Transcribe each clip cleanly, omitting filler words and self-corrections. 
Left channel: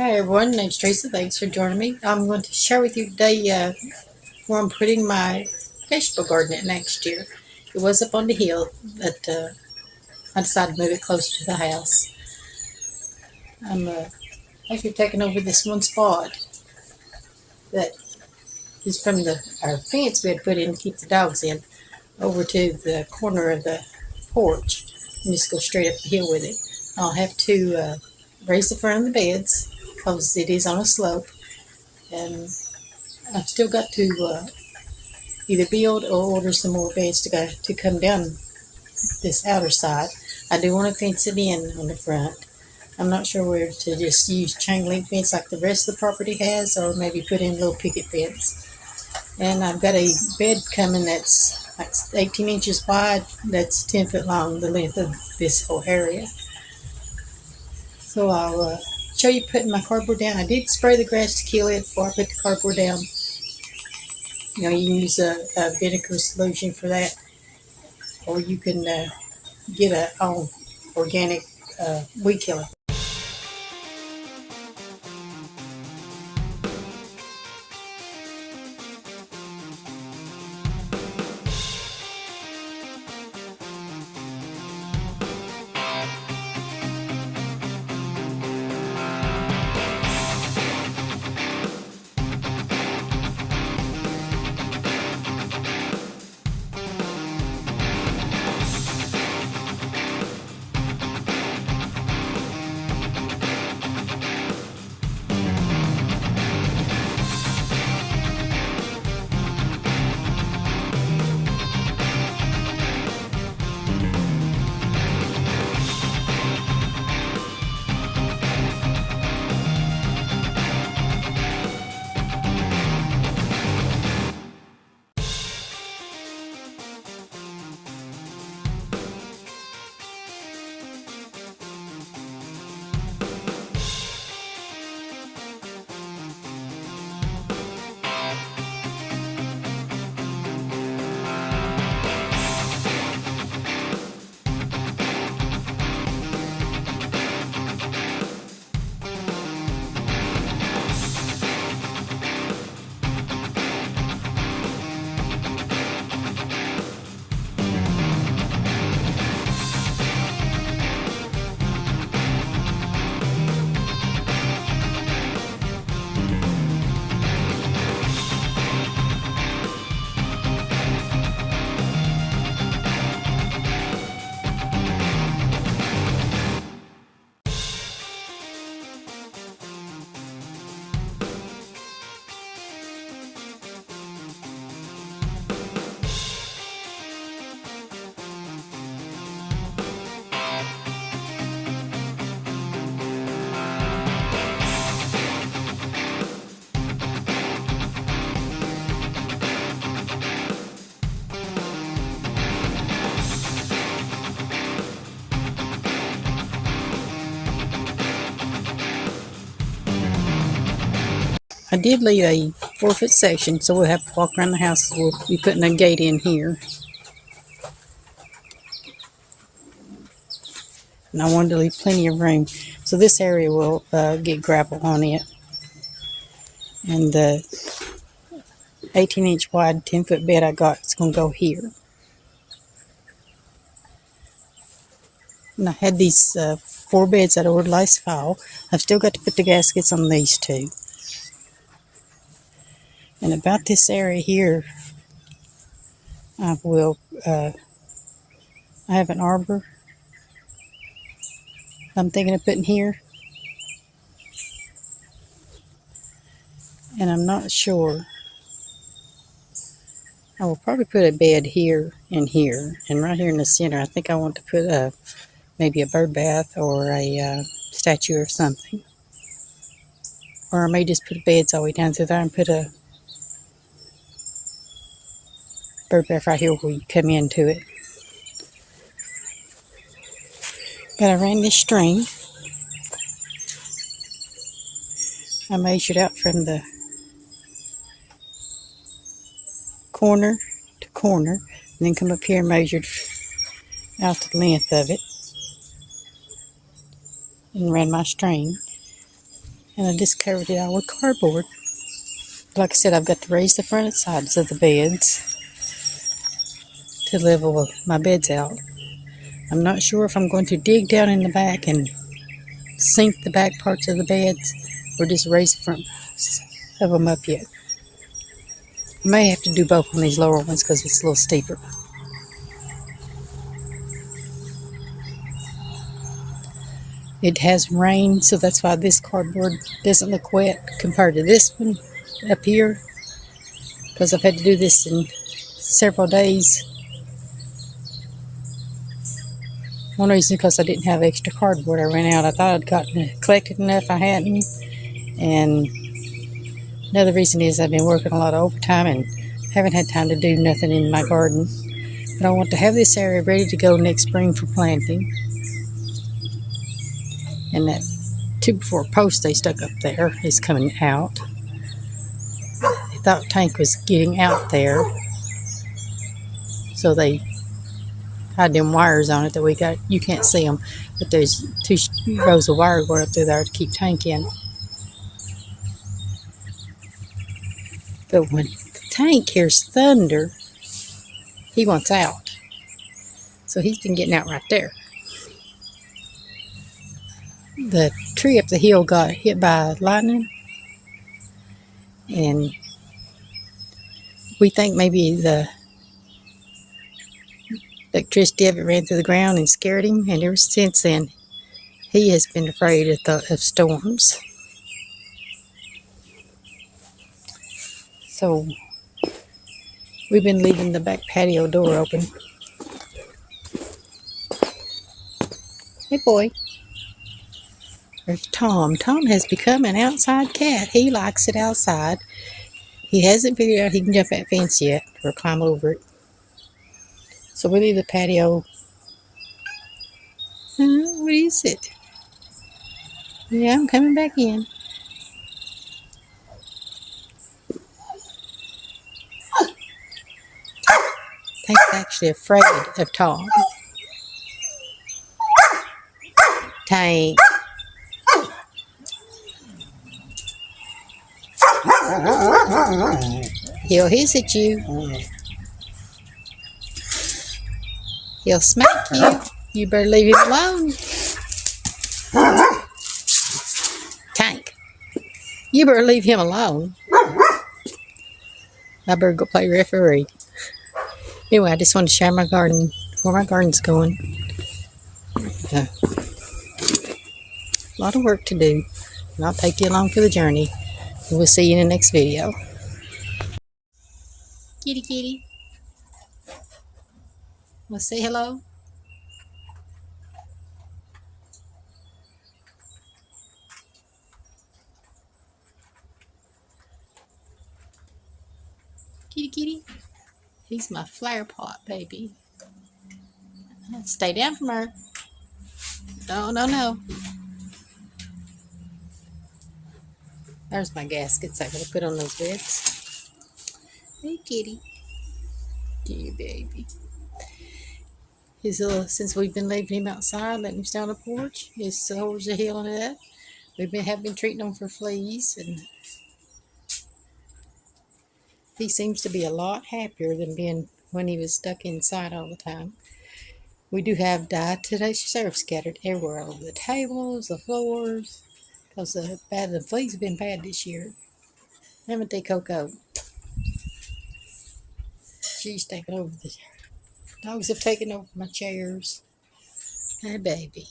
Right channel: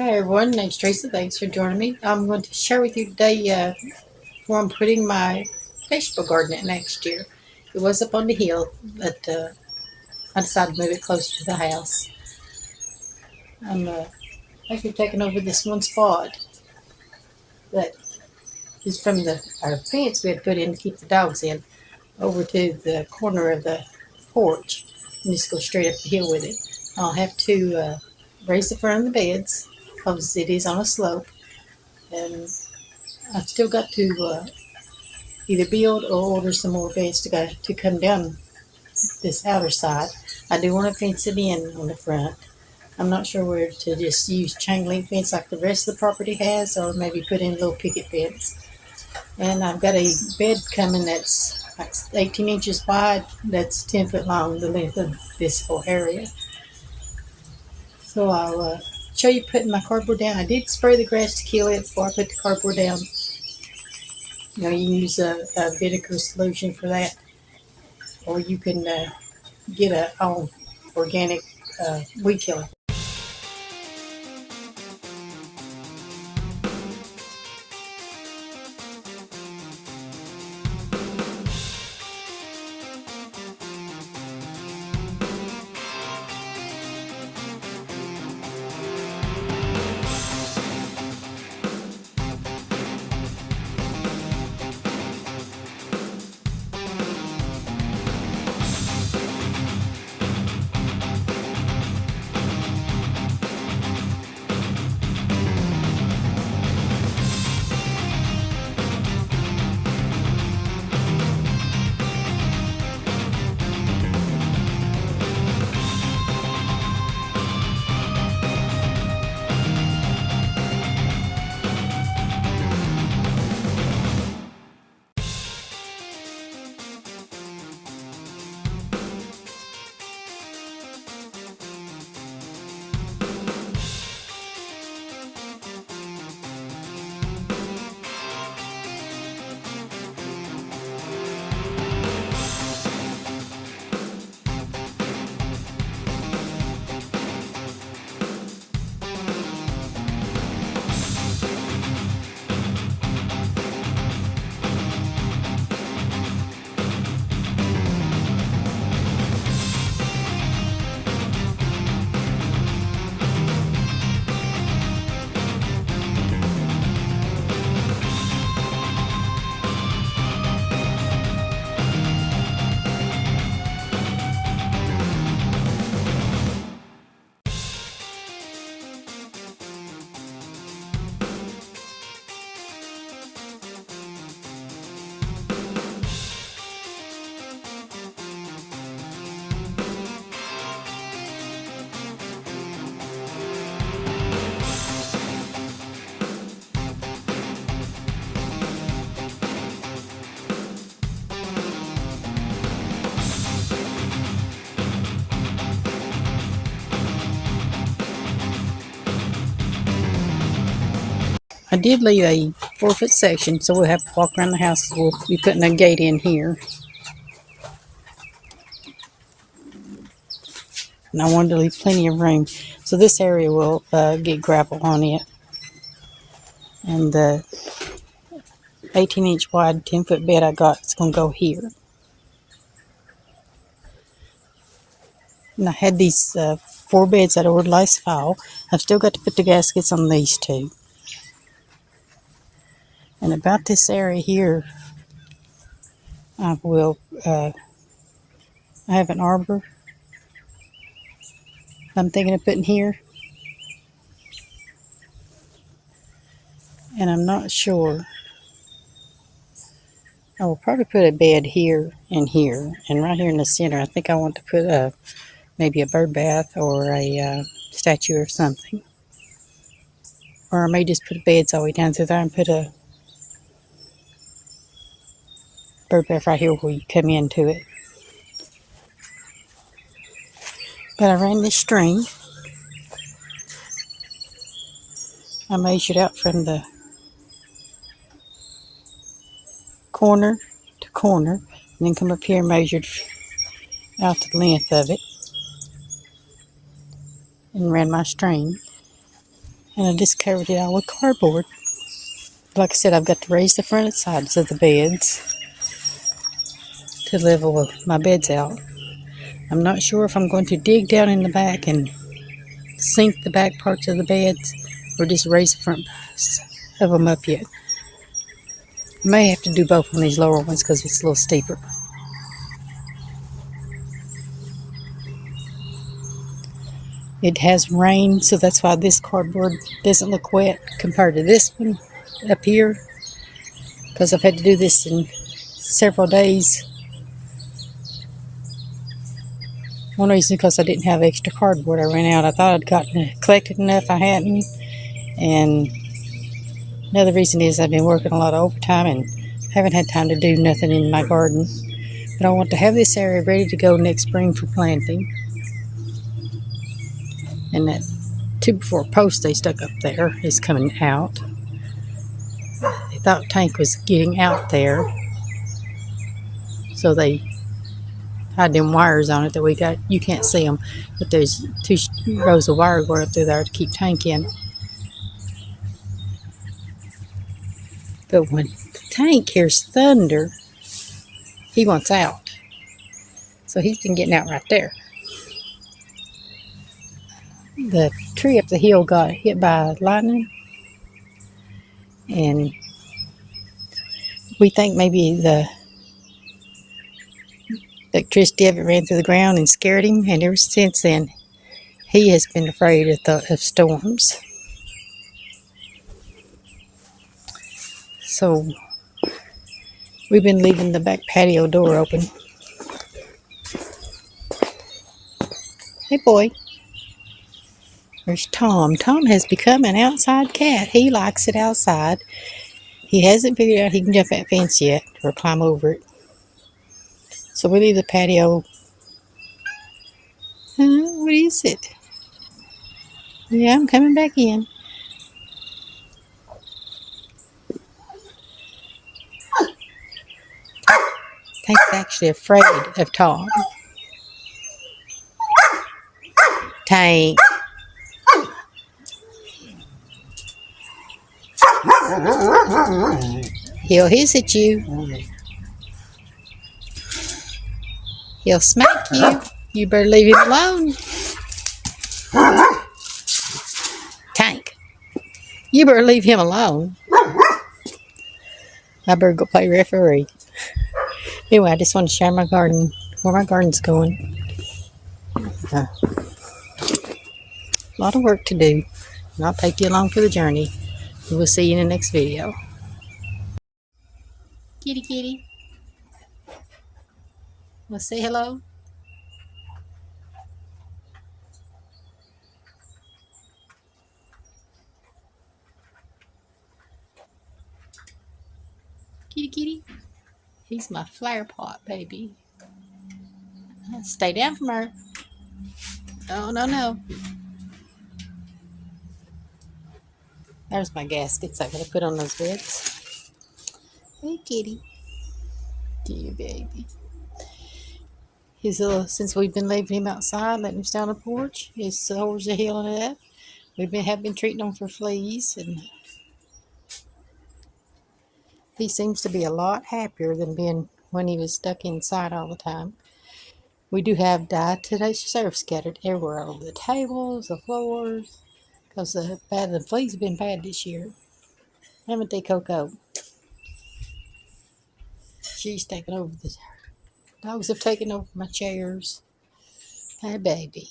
Hi everyone, name's Teresa. Thanks for joining me. I'm going to share with you today where I'm putting my vegetable garden at next year. It was up on the hill, but I decided to move it closer to the house. I'm actually taking over this one spot that is from our fence we had put in to keep the dogs in, over to the corner of the porch, and just go straight up the hill with it. I'll have to raise the front of the beds because it is on a slope, and I've still got to either build or order some more beds to come down this outer side. I do want to fence it in on the front. I'm not sure where to just use chain link fence like the rest of the property has, or maybe put in a little picket fence. And I've got a bed coming that's like 18 inches wide, that's 10 foot long, the length of this whole area. So I'll show you putting my cardboard down. I did spray the grass to kill it before I put the cardboard down. You know, you can use a vinegar solution for that, or you can get a organic weed killer. I did leave a 4-foot section, so we'll have to walk around the house. We'll be putting a gate in here. And I wanted to leave plenty of room. So this area will get gravel on it. And the 18-inch wide, 10-foot bed I got is going to go here. And I had these 4 beds that I ordered last fall. I've still got to put the gaskets on these 2. And about this area here, I have an arbor I'm thinking of putting here. And I'm not sure. I will probably put a bed here and here. And right here in the center, I think I want to put maybe a bird bath or a statue or something. Or I may just put beds all the way down through there and put a bird bath right here where you come into it. But I ran this string. I measured out from the corner to corner, and then come up here and measured out the length of it, and ran my string. And I just covered it all with cardboard. Like I said, I've got to raise the front and sides of the beds to level my beds out. I'm not sure if I'm going to dig down in the back and sink the back parts of the beds or just raise the front of them up yet. I may have to do both on these lower ones because it's a little steeper. It has rained, so that's why this cardboard doesn't look wet compared to this one up here, because I've had to do this in several days. One reason because I didn't have extra cardboard. I ran out. I thought I'd collected enough. I hadn't. And another reason is I've been working a lot of overtime and haven't had time to do nothing in my garden. But I want to have this area ready to go next spring for planting. And that 2x4 post they stuck up there is coming out. They thought Tank was getting out there, so they had them wires on it that we got. You can't see them, but there's 2 rows of wire going up through there to keep Tank in. But when Tank hears thunder, he wants out. So he's been getting out right there. The tree up the hill got hit by lightning, and we think maybe the electricity of it ran through the ground and scared him, and ever since then he has been afraid of storms. So we've been leaving the back patio door open. Hey boy. There's Tom. Tom has become an outside cat. He likes it outside. He hasn't figured out he can jump that fence yet or climb over it. So we leave the patio. What is it? Yeah, I'm coming back in. Tank's actually afraid of Tom. Tank. He'll hiss at you. He'll smack you. You better leave him alone. Tank. You better leave him alone. I better go play referee. Anyway, I just want to share my garden, where my garden's going. A lot of work to do, and I'll take you along for the journey. And we'll see you in the next video. Kitty, kitty. Want to say hello? Kitty, kitty. He's my flower pot, baby. Stay down from her. No, no, no. There's my gaskets I gotta put on those beds. Hey, kitty. Kitty, baby. He's since we've been leaving him outside, letting him stay on the porch, his sores are healing up. Have been treating him for fleas, and he seems to be a lot happier than being when he was stuck inside all the time. We do have diatomaceous earth scattered everywhere, all over the tables, the floors, because the fleas have been bad this year. Haven't they, Coco? She's taken over the dogs have taken over my chairs. Hey, baby.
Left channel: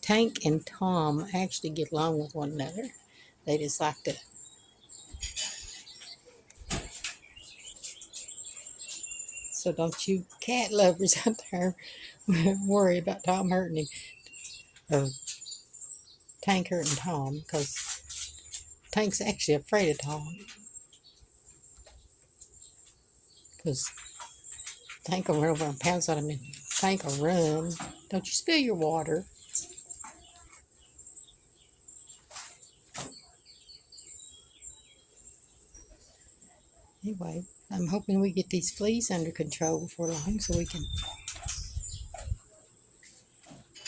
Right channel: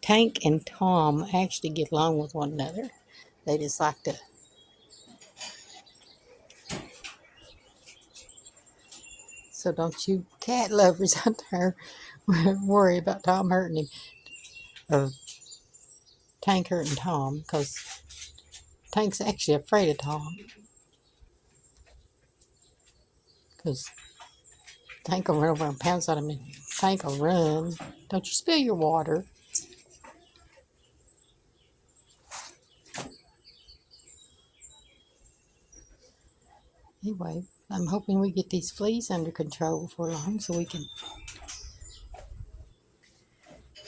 Tank and Tom actually get along with one another. They just like to. So don't you cat lovers out there worry about Tom hurting him, or Tank hurting Tom, because Tank's actually afraid of Tom. Because Tank will run over and pounce on him, and Tank will run. Don't you spill your water. Anyway, I'm hoping we get these fleas under control before long so we can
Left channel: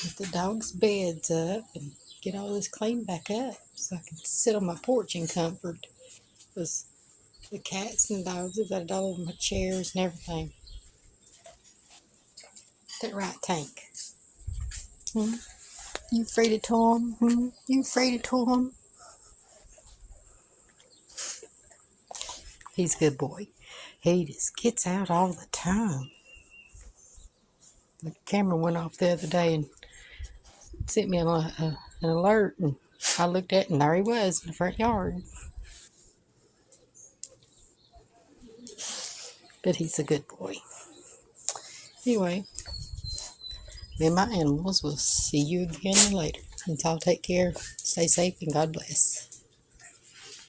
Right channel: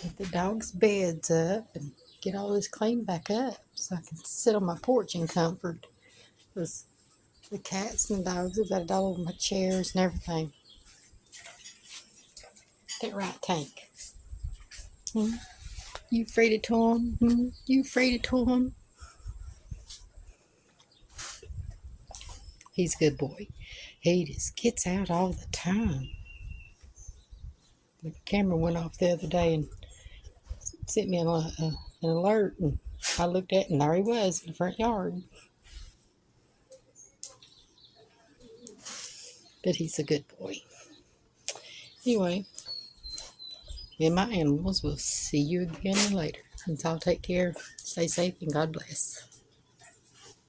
get the dogs' beds up and get all this cleaned back up so I can sit on my porch in comfort. Because the cats and the dogs have got it all over my chairs and everything. That right, Tank? Hmm? You afraid of Tom? Hmm? You afraid of Tom? He's a good boy. He just gets out all the time. The camera went off the other day and sent me an alert, and I looked at it, and there he was in the front yard. But he's a good boy. Anyway, me and my animals will see you again later. Until take care, stay safe, and God bless.